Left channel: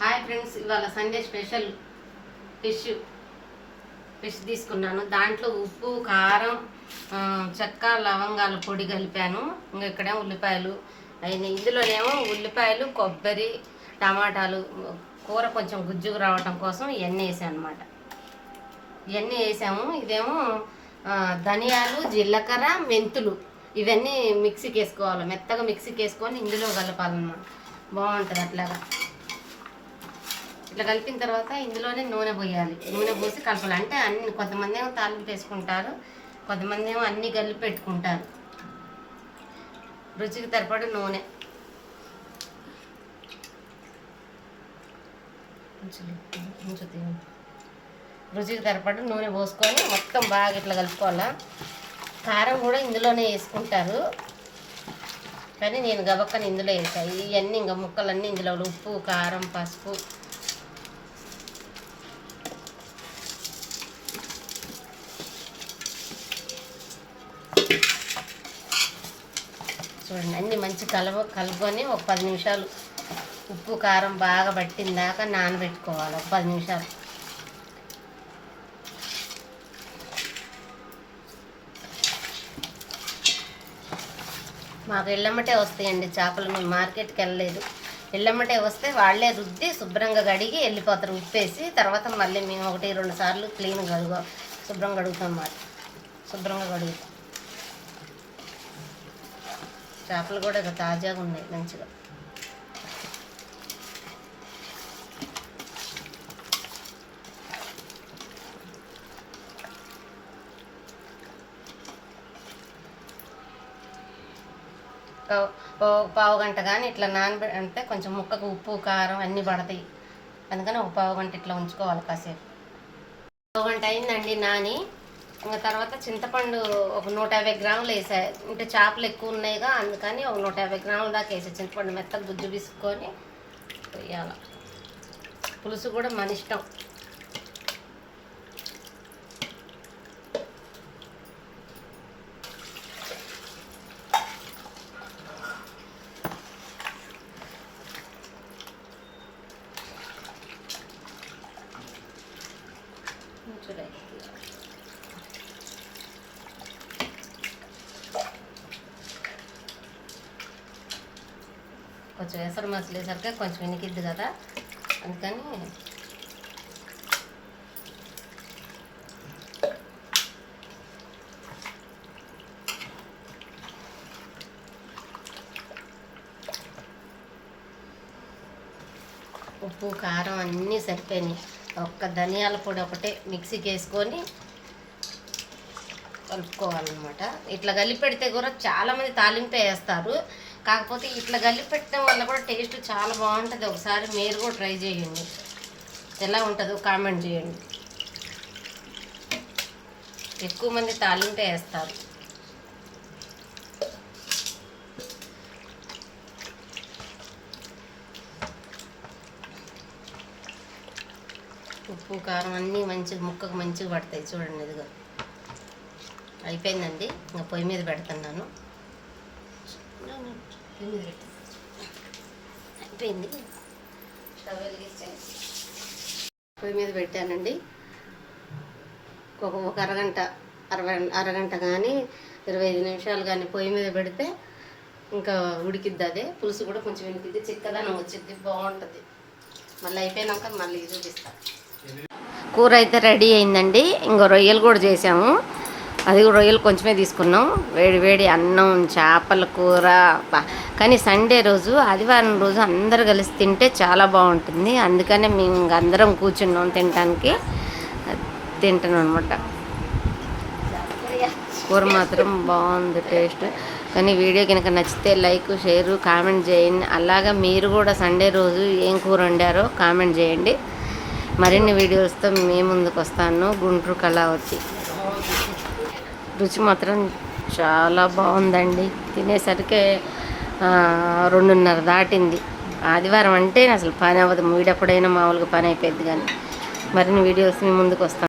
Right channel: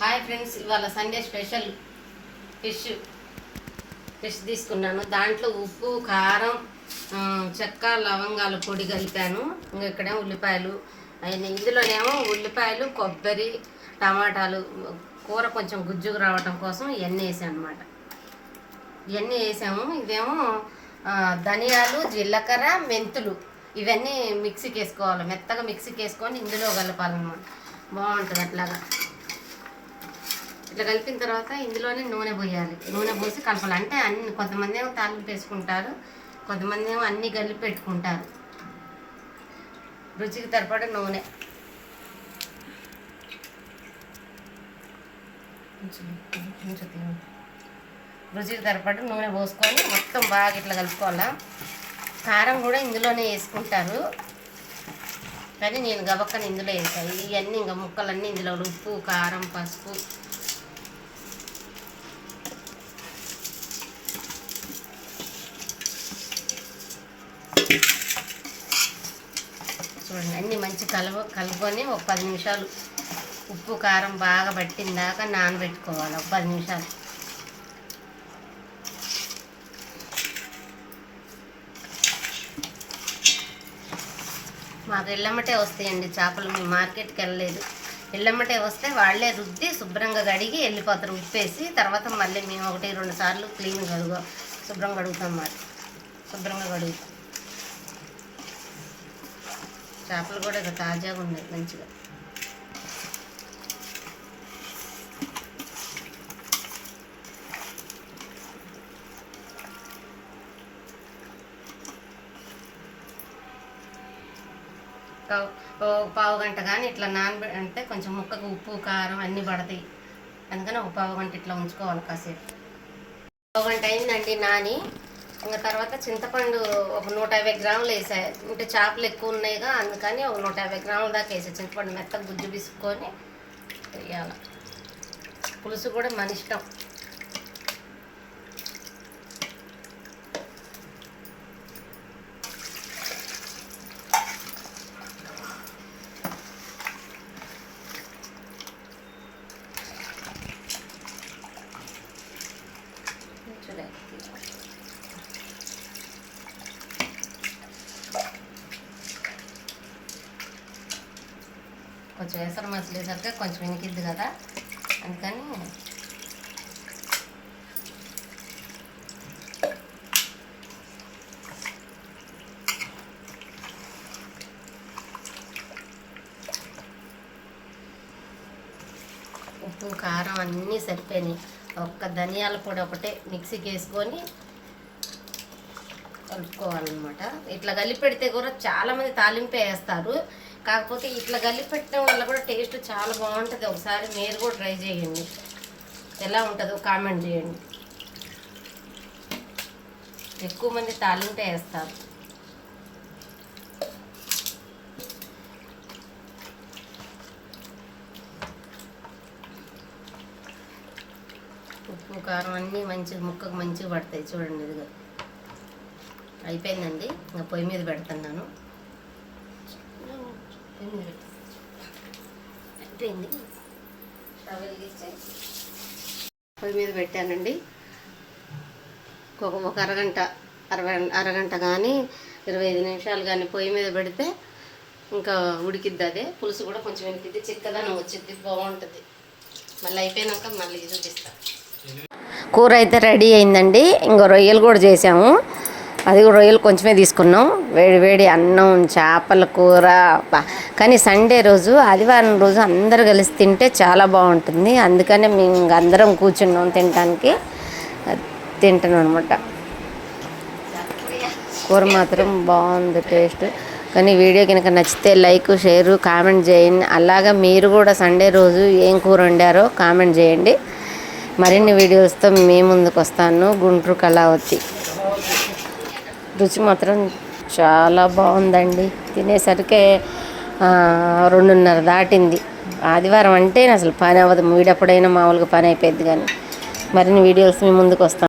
Hi friends ఇవాళ Sunday special fish fish తీసుకున్నాను. దాంట్లో ఉప్పు కారం చెక్క లవంగాల పొడి కలిపాను. ఇంకా ఇక్కడే ఉల్లిపాయలు అవన్నీ. ఇందులోనేమో ఉల్లిపాయలు కొబ్బరి టమాటాలు కూర కొంచెం గుజ్జుగా రావటం కోసం ఇవన్నీ వేసాను అనమాట ఇవన్నీ వేసాము. ఇదేమో ధనియాలు జీలకర్ర మెంతులు ఇవన్నీ మిక్సీకి వేసుకోవాలి. మెత్తగా మిక్సీకి వేసుకొని ఇందులో కలపాలన్నమాట. బాగుంటుంది అట్లాగా. ఇట్లా కలిపిన తర్వాత ఇందులోనే నూనె పోయాలి. నూనె పోసి కలపాలి. అంటే అన్ని కొంతమంది ఏమో తాలింపు వేసుకుంటారు కొంతమంది ఏమో అన్ని కలిపి పెట్టుకుంటారు. రుచికి తరపడి నూనె. రుచికి తరపడి నూనె పోసుకొని మొత్తం బాగా ఇట్లా కలుపుకోవాలా. కారం కూడా ఇందులోనే వేసుకుంటారు. కానీ నేను గబక్కని ఇందులో వేసాను ఇవన్నీ ఇంకా ముక్కలన్నీ ఇందులో ఉప్పు కారం పసుపు చూడండి అన్ని మంచి కలువ కలుపుకొని ఒక పది నిమిషాలు ఉప్పు కారం బాగా పట్టిందాక నానబెట్టుకోవాలి. ఒక పది నిమిషాలు. మాకు ఎల్లమ్మటే వస్తాయండి చేపలు. మేము మార్కెట్కి వెళ్ళలేదు. ఎల్లమ్మటే వస్తే వాళ్ళే రుద్ది శుభ్రంగా కడిగి వెళ్ళిపోతారు ఉప్పేసి. తర్వాత మళ్ళీ మేము ఒకటి రెండు సార్లు క్లీన్ కడుగు శుభ్రంగా కడుగుతాం మాట శుభ్రంగా కడుగుతాం. చేపలు కూడా ఇక తాజాగా ఉన్నాయి మంచిగా. ఓ పావు గంట కానీ ఇట్లా నానబె అంటే కొంచెం ముక్కకు ఉప్పు కారం అన్నీ పడతాయి. అందుకని ఒక పావు గంట ఇట్లా ఉంచుకోవాలి కాసేపు. పావు గంట అయిందండి నాని. ఇంకా తర్వాత చింతపండు ఒక నూట యాభై గ్రాములు వేసా. అంటే చేపలు ఎక్కువ ఉన్నాయిగా అందుకని ఒక నూట యాభై గ్రాముల దాకా వేసా. చింతపండు మెత్తగా గుజ్జు పిసుకొని వేయాల. పులుసు కూడా మన ఇష్టం. చూడండి. కొంచెం ఎసరు మసలేసరికి కొంచెం వినికిద్ది కదా. అందుకని ఉప్పు కారం అన్నీ సరిపోయినాయి. ఒక్క ధనియాల పొడి ఒకటే మిక్సీకి వేసుకొని కలుపుకోవాలన్నమాట. ఇట్లా కలిపి పెడితే కూడా చాలామంది తాలింపు వేస్తారు. కాకపోతే ఇట్లా కలిపి పెట్టడం వల్ల కూడా టేస్ట్ చాలా బాగుంటుంది. ఒకసారి మీరు కూడా ట్రై చేయండి. ఎలా ఉంటుందో కామెంట్ చేయండి. ఎక్కువ మంది తాలింపే వేస్తారు. ఉప్పు కారం అన్నీ మంచిగా ముక్కకు మంచిగా పడతాయి. చూడండి ఇదిగో. అయిపోయిందండి. ఇంకా పొయ్యి మీద పెడుతున్నాను. అయిపోయింది పొయ్యి మీద పెట్టానండి. ఒక ఒక అరగంట అరవై అరగంట కానీ ఇరవై ఐదు నిమిషాలు కానీ పొయ్యి మీద పెడితే ఇంకా ఉడికిద్ది అదే. పులుసు కూడా కొంచెం వెనికిద్ది. చిక్కదనం వచ్చింది బాగుంటుంది. మళ్ళీ అయిపోయినాక మళ్ళీ చూపిస్తాను కూర అయితే రెడీ అయిందండి. ఇంకో రొయ్యలు కూడా చేసాము. అది కూడా రొయ్యలు కొంచెమే తీసుకున్నాం. వేడి వేడి అన్నం చేపల కూర కానీ సండే రోజు ఆదివారం రోజు అందరు కలిసి తింటే చాలా బాగుంటుంది. అందుకనే మేము అందరం కూర్చున్నాం తినడానికి తింటున్నాం అనమాట కూర మాత్రం బాగుంది టేస్ట్. కానీ వీడియో కనుక నచ్చితే లైక్ షేర్ కామెంట్ చేయండి. అలాగా మీరు కూడా సండే రోజు ఏం కూర వండారో కామెంట్ చేయండి. మరిన్ని వీడియోస్తో మేము ముందుకు వస్తాను. గుంటూరు కళావతి. రుచి మాత్రం చాలా బాగుందండి. తినేసరికి రెండున్నర దాటింది. ఆదివారం అంటే అసలు పని అవ్వదు. వీడెప్పుడైనా మామూలుగా పని అయిపోయింది కానీ. మరిన్ని వీడియోస్ మీ ముందుకు వస్తాను